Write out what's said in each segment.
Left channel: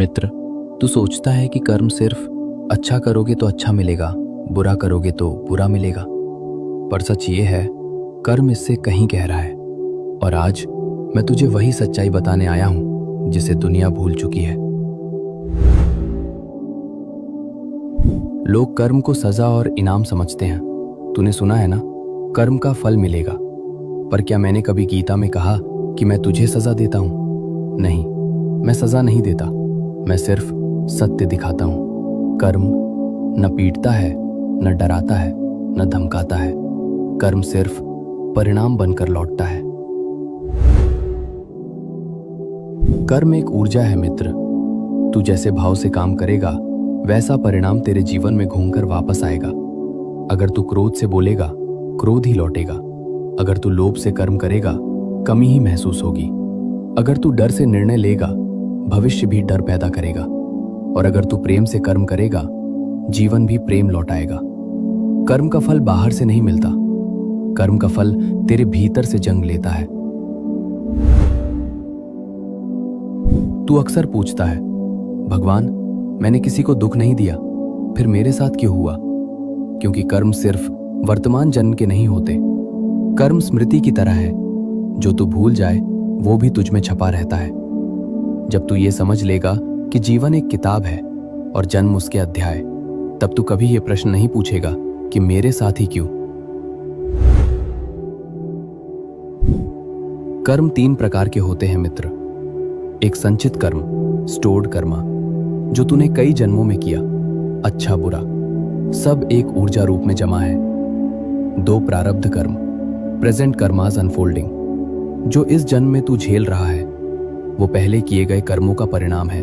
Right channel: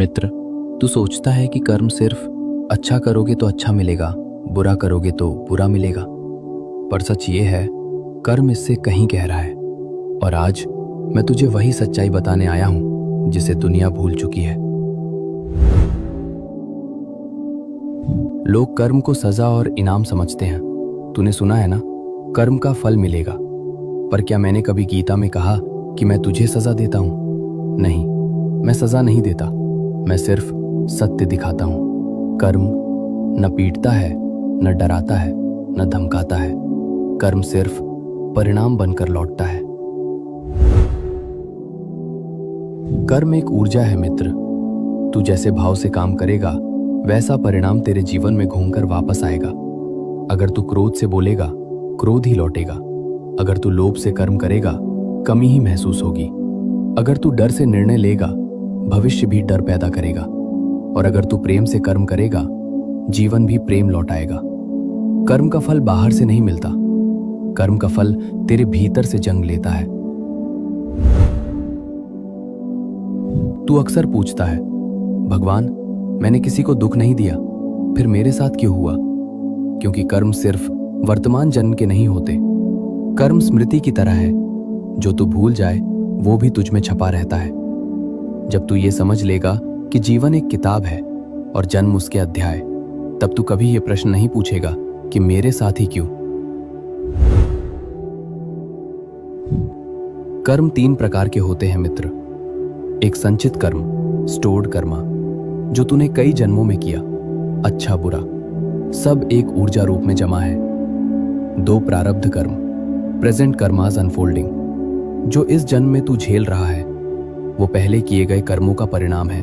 मित्र, तू सोचता है कि कर्म सिर्फ अच्छा करोगे तो अच्छा मिलेगा, बुरा करोगे तो बुरा मिलेगा। पर सच ये है, कर्म इससे कहीं गहरा है। और आज मैं तुझे वही सच्चाई बताने आया हूं जिसे दुनिया भूल चुकी है। लोग कर्म को सजा और इनाम समझते हैं। तूने सुना है ना, कर्म का फल मिलेगा। पर क्या मैंने कभी गीता में कहा कि मैं तुझे सजा देता हूं? नहीं, मैं सजा नहीं देता, मैं सिर्फ सत्य दिखाता हूं। कर्म न पीटता है, न डराता है, न धमकाता है। कर्म सिर्फ परिणाम बनकर लौटता है। कर्म एक ऊर्जा है मित्र। तू जैसे भाव से काम करेगा, वैसा परिणाम तेरे जीवन में घूमकर वापस आएगा। अगर तू क्रोध से बोलेगा, क्रोध ही लौटेगा। अगर तू लोभ से कर्म करेगा, कमी ही महसूस होगी। अगर तू डर से निर्णय लेगा, भविष्य भी डर पैदा करेगा। और अगर तू प्रेम से कर्म करेगा, जीवन भी प्रेम लौटाएगा। कर्म का फल बाहर से नहीं मिलता, कर्म का फल तेरे भीतर से जन्म लेता है। तू अक्सर पूछता है, भगवान, मैंने किसी को दुख नहीं दिया, फिर मेरे साथ क्यों हुआ? क्योंकि कर्म सिर्फ वर्तमान जन्म के नहीं होते। कर्म स्मृति की तरह है, जो तू भूल जाए वो भी तुझ में छपा रहता है। जब तू ये समझ लेगा कि जीवन एक किताब है और जन्म उसके अध्याय, तब तू कभी ये प्रश्न नहीं पूछेगा कि मेरे साथ ही क्यों। कर्म 3 प्रकार के होते हैं मित्र। एक संचित कर्म, स्टोर्ड कर्मा, जो तूने कई जन्मों में किया, अच्छा बुरा सब एक ऊर्जा रूप में जमा है। 2 प्रारब्ध कर्म, प्रेजेंट कर्मास अनफोल्डिंग, जो इस जन्म में तू झेल रहा है, वो पहले किए गए कर्मों का परिणाम है।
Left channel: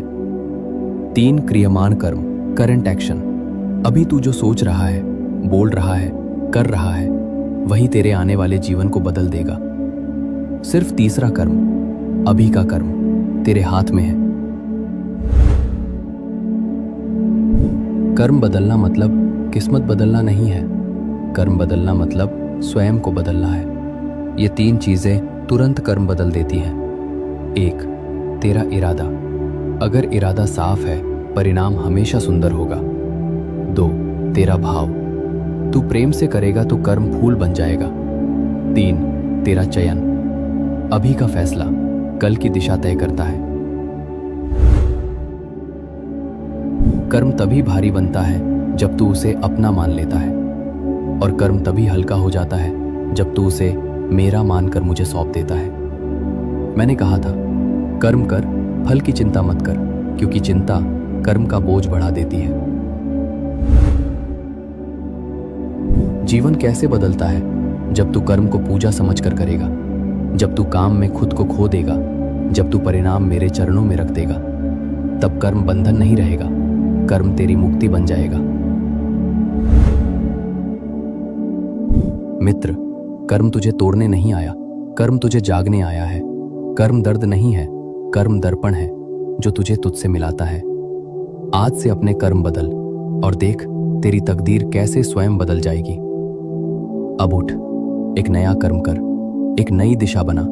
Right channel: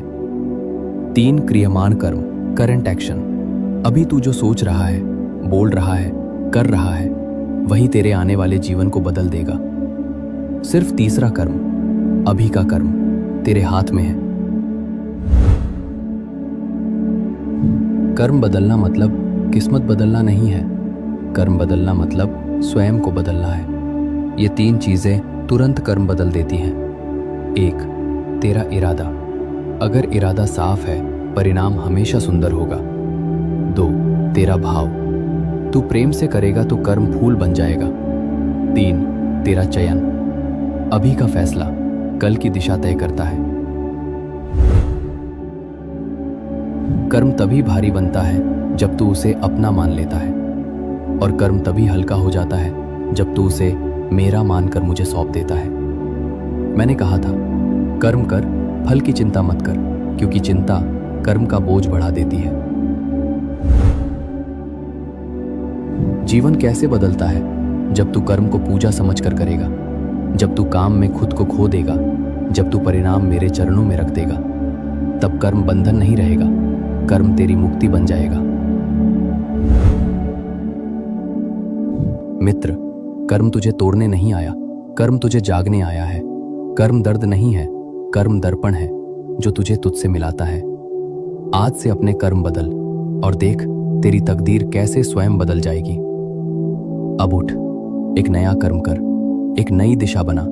3 क्रियमान कर्म, करंट एक्शन, अभी तू जो सोच रहा है, बोल रहा है, कर रहा है, वही तेरे आने वाले जीवन को बदल देगा। सिर्फ तीसरा कर्म, अभी का कर्म, तेरे हाथ में है। कर्म बदलना मतलब किस्मत बदलना नहीं है। कर्म बदलना मतलब स्वयं को बदलना है। ये 3 चीजें तुरंत कर्म बदल देती हैं। 1, तेरा इरादा। अगर इरादा साफ है, परिणाम हमेशा सुंदर होगा। 2, तेरा भाव। तू प्रेम से करेगा तो कर्म फूल बन जाएगा। 3, तेरा चयन। अभी का फैसला कल की दिशा तय करता है। कर्म तभी भारी बनता है जब तू उसे अपना मान लेता है, और कर्म तभी हल्का हो जाता है जब तू उसे मेरा मानकर मुझे सौंप देता है। मैंने कहा था, कर्म कर, फल की चिंता मत कर, क्योंकि चिंता कर्म का बोझ बढ़ा देती है। जीवन कैसे बदलता है? जब तू कर्म को पूजा समझकर करेगा, जब तू काम में खुद को खो देगा, जब तू परिणाम मेरे चरणों में रख देगा। तब कर्म बंधन नहीं रहेगा, कर्म तेरी मुक्ति बन जाएगा। मित्र, कर्म तुझे तोड़ने नहीं आया, कर्म तुझे जागने आया है। कर्म दर्द नहीं है, कर्म दर्पण है जो तुझे तुझसे मिलाता है। आज से अपने कर्म बदल और देख तेरी तकदीर कैसे स्वयं बदल जाएगी। अब उठ, एक नया कर्म कर, एक नई दिशा बना।